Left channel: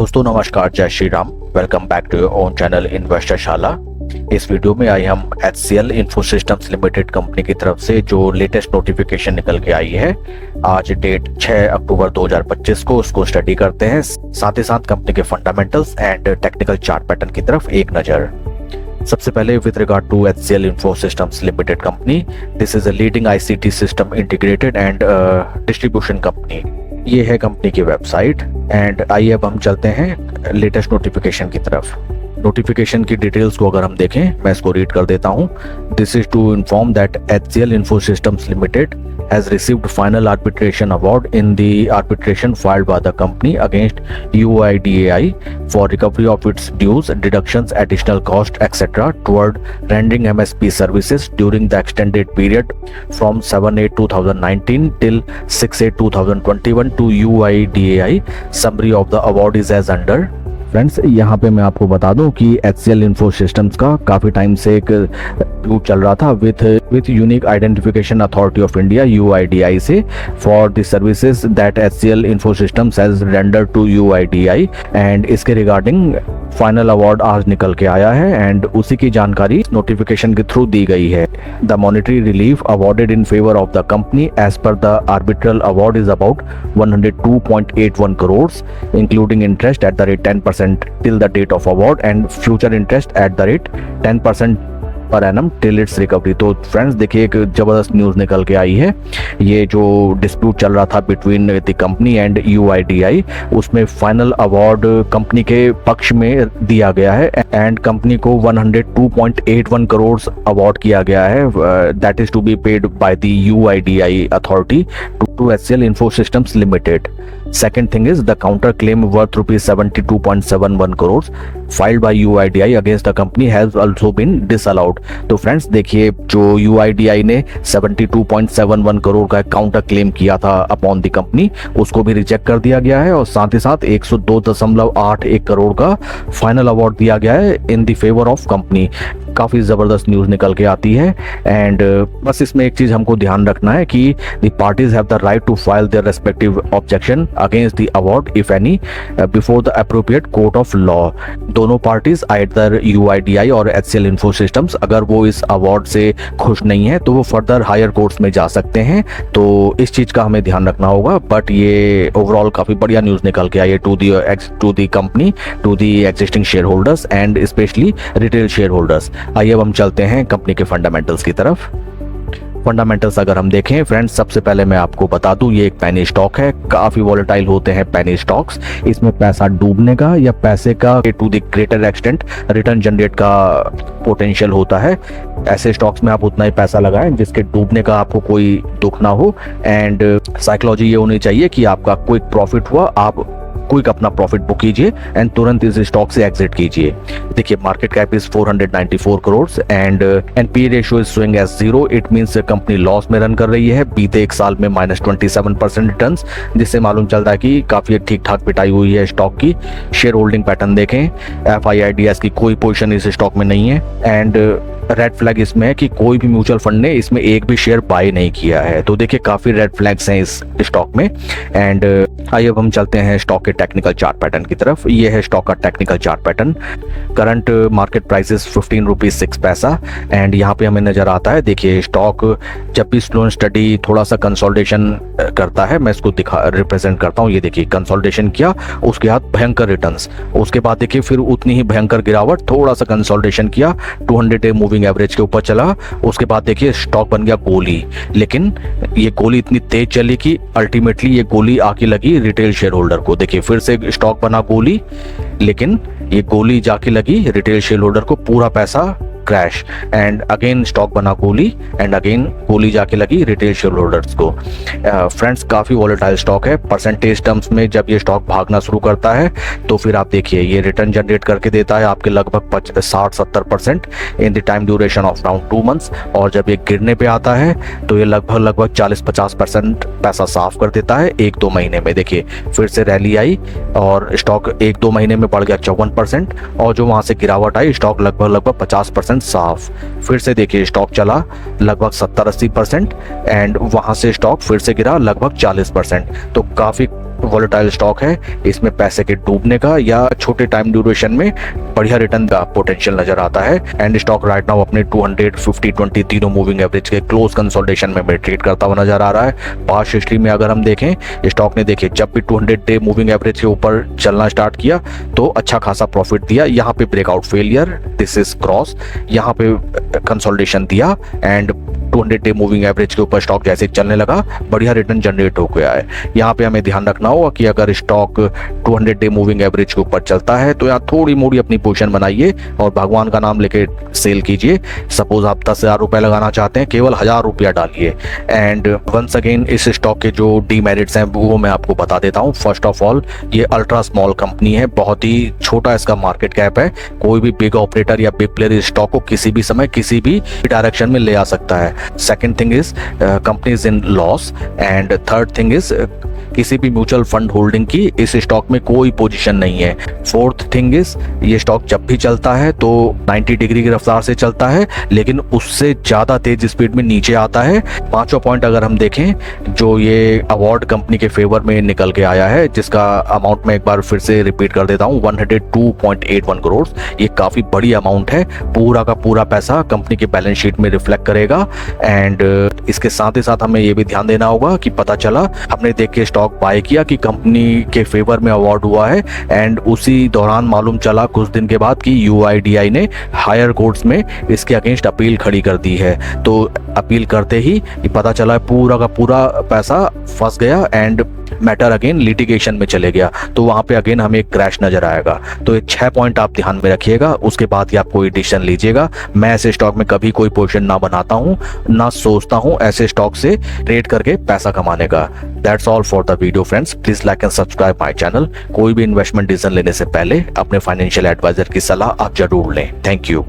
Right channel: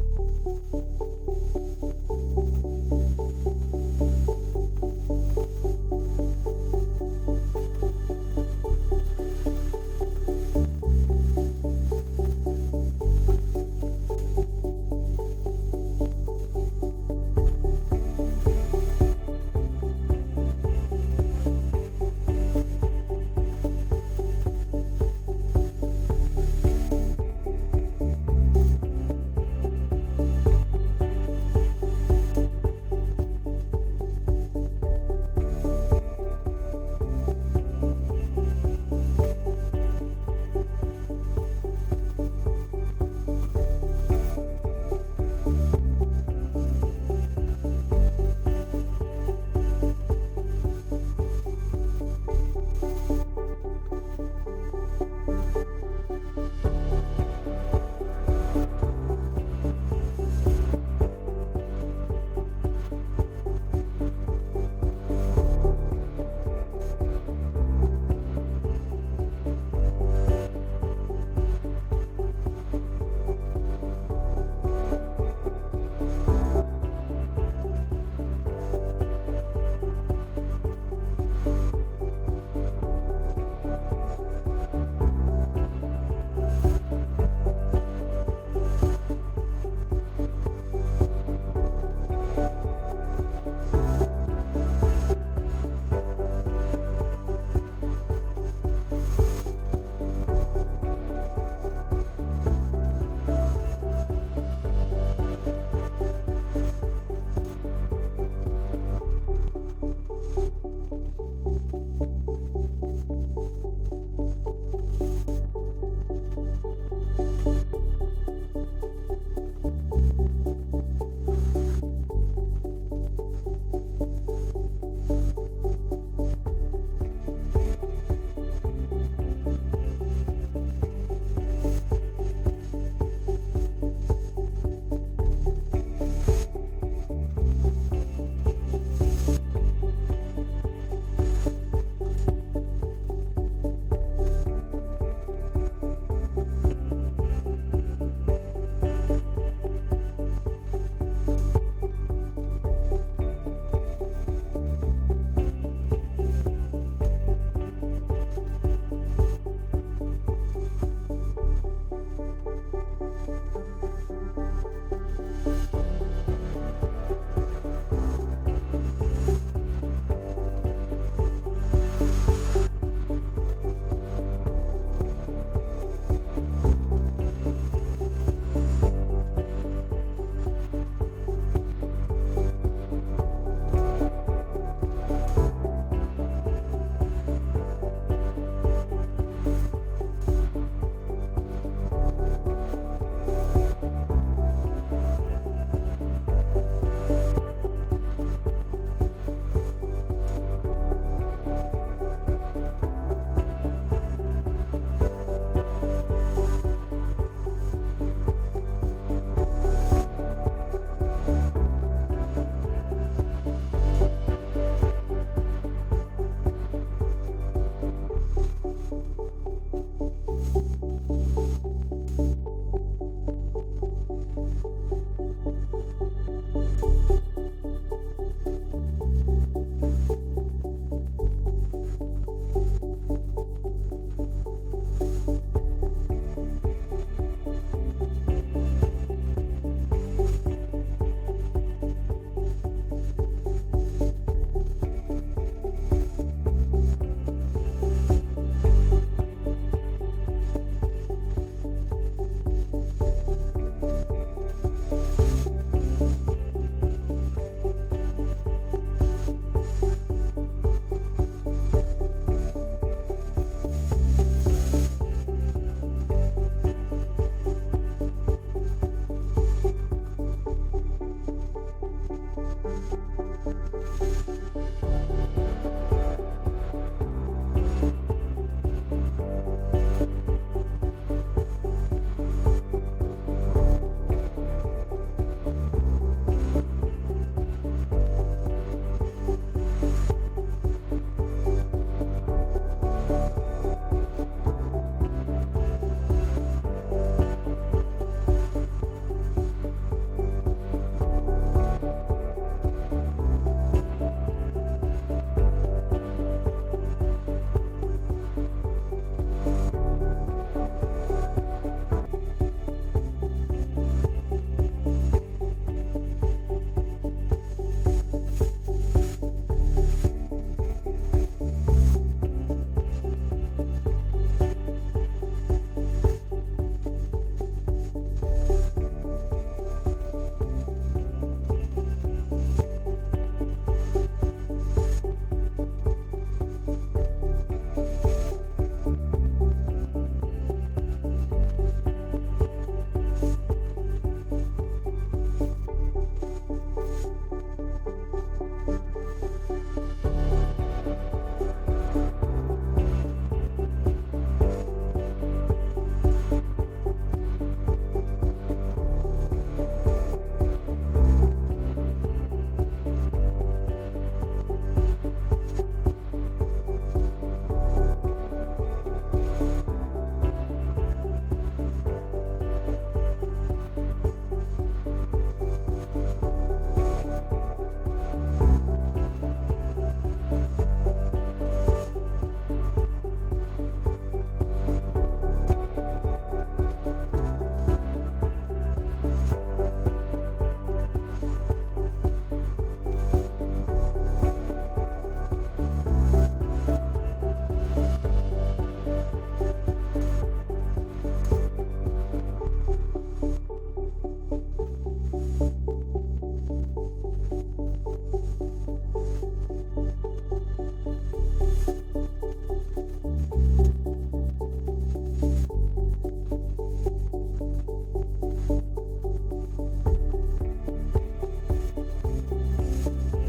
दोस्तों नमस्कार, जय Shri Ram. Welcome back to your own channel investor Shala. इस वीडियो में आई हम HCL info systems limited company की तरफ से जो लेटेस्ट नोटिफिकेशन निकल के आई है आज डेट 6 अक्टूबर 2025 को, उसको स्टडी करते हैं। साथ ही साथ कंपनी के fundamentals and technical chart pattern की तरफ एक नजर। सबसे पहले with regard to HCL info systems limited company, this is a leading ICT system integrated and distribution company. ये है कंपनी की वेबसाइट एंड आइए अब हम चलते हैं लेटेस्ट नोटिफिकेशन की तरफ। नोटिफिकेशन की डिटेल्स को अगर हम देखें, मैं इसको रीड कर देता हूं। This is to inform that HCL info systems limited has received final arbitration award in the arbitration filed by the company against UIDAI for recovery of its dues, deductions, additional cost, etc. toward rendering MSP services during the extended period from 7/8/2019 till 6/8/2021 to UIDAI. Summary of the award is as under. Friends, यहाँ पे मैं आपको बता दूं कि HCL info systems का काफ़ी time से एक डिस्प्यूट चल रहा था with unique identification authority of India UIDAI से for the services that HCL info systems has rendered to UIDAI and इसके रिगार्डिंग फाइनल अवार्ड आज निकल के आया है एंड उसी की जानकारी नोटिफिकेशन के थ्रू दी गई है। The monetary relief awarded in favour of the company as per the arbitral award is about 102.81 crore including interest at the rate 10% till the date of award and future interest at the rate 10% per annum till it's recovery. तो friends देखिए, एक जबरदस्त news निकल के आई है। ये जो डिस्प्यूट चल रहा था between the company and UIDAI, उसमें फाइनल अवार्ड कंपनी के पक्ष में दिया गया है एंड कंपनी को 102.81 करोड़ अवार्ड किया गया है। That is to be paid by the UIDAI authority to HCL info systems limited. Second thing is the counter claim worth rupees 72.71 crores filed by UIDAI against the company has also been disallowed। तो friends देखिए, जो UIDAI ने 72.71 करोड़ का counter claim किया था upon the company, उसको भी reject कर दिया गया है और साथ ही साथ 102.81 करोड़ का फाइनल अवार्ड दिया गया है in the favour of company. काफी जबरदस्त न्यूज निकल के आती है एंड बस इसमें एक चीज हमको ध्यान रखना है कि the parties have the right to file their respective objection against the award if any before the appropriate court of law। दोनों पार्टीज either UIDAI और HCL इन्फो सिस्टम्स अगर वो इस अवार्ड से खुश नहीं है तो वो फर्दर हायर कोर्ट्स में जा सकते हैं। तो इस चीज का हमें ध्यान रखना होगा। बट ये ओवरऑल काफी बढ़िया न्यूज निकल के आई है to the company, to the existing share holders and specially retail share holders. आइए अब हम चलते हैं कंपनी के फंडामेंटल्स की तरफ। फंडामेंटल्स अगर हम देखें फ्रेंड्स, सबसे पहले मैं आपको बता दूं ये एक पेनी स्टॉक है। काफी वॉलेटाइल होते हैं पेनी स्टॉक्स। इसमें पैसा डूबने का या पैसे का to the greater extent return generate का पोटेंशियल होता है। ऐसे स्टॉक्स में आप उतना ही पैसा लगाएं जिसके डूबने का आपको कोई दुख ना हो एंड साइकोलॉजी ये होनी चाहिए कि आपका क्विक प्रॉफिट हुआ, आप क्विक अपना प्रॉफिट बुक कीजिए एंड तुरंत इस स्टॉक से एग्जिट कीजिए। देखिए, market cap is 494 crore and NPA ratio is showing as 0। It means company loss में रन कर रही है। बीते एक साल में -27% रिटर्न्स, जिससे मालूम चलता है कि काफी ठीक ठाक पिटाई हुई है स्टॉक की। शेयर होल्डिंग पैटर्न देखें, FIIDS की कोई पोजीशन इस स्टॉक में नहीं है एंड रेड फ्लैग इसमें है कि कोई भी म्यूचुअल फंड ने इसमें एक भी शेयर बाय नहीं किया है। तो देखिए, काफी रेड फ्लैग्स हैं इस स्टॉक में एंड आइए अब हम चलते हैं स्टॉक के टेक्निकल चार्ट पैटर्न की तरफ। ये है स्टॉक का technical chart pattern. Current market price is 15 rupees 6 पैसा एंड यहाँ पे हमें नजर आता है। देखिए, स्टॉक जब भी स्लो एंड स्टडी थोड़ा सा कंसोलिडेशन करता है, मैं इसको रिप्रेजेंट करता हूँ। ये देखिए, कंसोलिडेशन किया, उसके बाद भयंकर रिटर्न्स, उसके बाद देखिए फिर उतनी ही भयंकर गिरावट, थोड़ा सा कंसोलिडेशन किया, 200 डे मूविंग एवरेज के ऊपर चला, उसके बाद देखिए स्टॉक बन गया गोली। लेकिन ये गोली इतनी तेज चली कि अल्टीमेटली ये गोली आके लगी रिटेल शेयर होल्डर को। देखिए, फिर से स्टॉक बना गोली, लेकिन ये गोली जाके लगी रिटेल शेयर होल्डर को, पूरा पैसा क्रैश एंड अगेन स्टॉक बना गोली एंड अगेन गोली जाके लगी रिटेल शेयर होल्डर्स को। फ्रेंड्स, काफी वॉलेटाइल स्टॉक है। परसेंटेज टर्म्स में जब ये स्टॉक भागना शुरू करता है तो फिर आप देखिए ये रिटर्न जनरेट करके देता है आपके लगभग 60-70% in the time duration of around 2 months और जब ये गिरने पे आता है तो ये लगभग 40-50% पैसा साफ कर देता है 1-2 महीने में। देखिए, फिर से रैली आई और स्टॉक 1-2 महीने में बढ़ गया 54% और जो वहां से गिरावट आई स्टॉक लगभग 50% साफ। फिर से देखिए स्टॉक चला लगभग 70-80% एंड वहां से स्टॉक फिर से गिरा लगभग 40%। तो काफी वॉलेटाइल स्टॉक है, इसमें पैसे के डूबने का या छोटे टाइम ड्यूरेशन में बढ़िया रिटर्न का पोटेंशियल नजर आता है। एंड स्टॉक राइट नाउ अपने 200, 50, 20 तीनों मूविंग एवरेज के क्लोज कंसोलिडेशन में ट्रेड करता हुआ नजर आ रहा है। पास्ट हिस्ट्री में अगर हम देखें, स्टॉक ने देखिए जब भी 200 डे मूविंग एवरेज के ऊपर चलना स्टार्ट किया तो अच्छा खासा प्रॉफिट दिया। यहाँ पे breakout failure, this is cross, यहाँ पे कंसोलिडेशन दिया एंड 200 डे मूविंग एवरेज के ऊपर स्टॉक जैसे चलने लगा बढ़िया रिटर्न जनरेट हो गया है। यहाँ पे हमें ध्यान रखना होगा कि अगर स्टॉक 200 डे मूविंग एवरेज के ऊपर चलता है तो यहाँ थोड़ी मोड़ी अपनी पोजीशन बनाइए और भगवान का नाम लेके सेल कीजिए। सपोज आप 10,000 रुपए लगाना चाहते हैं, केवल 1,000 रुपया डालिए। एंड वंस अगेन इस स्टॉक के जो डीमेरिट्स हैं वो मैं आपको बता देता हूँ। फर्स्ट ऑफ ऑल, ये अल्ट्रा स्मॉल कंपनी है, बहुत ही छोटा इसका मार्केट कैप है। कोई भी बिग ऑपरेटर या बिग प्लेयर इस स्टॉक को किसी भी समय किसी भी डायरेक्शन में ले आ सकता है। Second thing is company is in loss. And third thing is किसी भी म्यूचुअल फंड होल्डिंग की इस स्टॉक में कोई पोजीशन नहीं है। फोर्थ थिंग इज ये स्टॉक जब भी चलता है तो 90 डिग्री की रफ्तार से चलता है, लेकिन उससे ज्यादा तेज स्पीड में नीचे आता है। पांचों पॉइंट अगर हम देखें, जो ये अवार्ड कंपनी के फेवर में निकल के आया है, जिसका अमाउंट मैं एक बार फिर से रिपीट कर देता हूँ, 102.81 करोड़। ये काफी बड़ी अमाउंट है। पूरा का पूरा पैसा कंपनी के बैलेंस शीट में रिफ्लेक्ट करेगा। एंड इसके साथ ही साथ हमें ये भी ध्यान देना होगा कि पता चला हमने देख के स्टॉक बाय किया कि कंपनी के फेवर में अवार्ड हुआ है एंड उसी दौरान मालूम चला कुछ दिन के बाद कि UIDAI ने हायर कोर्ट्स में इसके अगेंस्ट अपील खड़ी कर दी है। तो अपील करते ही पता चला पूरा का पूरा पैसा फंस गया एंड मैटर अगेन लिटिगेशन में चले गया। तो वहां पे अगेन हमें क्रैश नजर आएगा। तो ये 6 पॉइंट आप ध्यान में रखिएगा, उसके बाद ही आप कोई डिसीजन लीजिएगा। मैं ऐसे स्टॉक में कभी कोई पोजीशन ना बनाता हूं, ना सोचता हूं ऐसे स्टॉक से ट्रेड करके पैसा कमाने का। That's all for the video friends. Please like and subscribe my channel. कोई भी इन्वेस्टमेंट डिसीजन लेने से पहले अपने फाइनेंशियल एडवाइजर की सलाह आप जरूर लें। Thank you.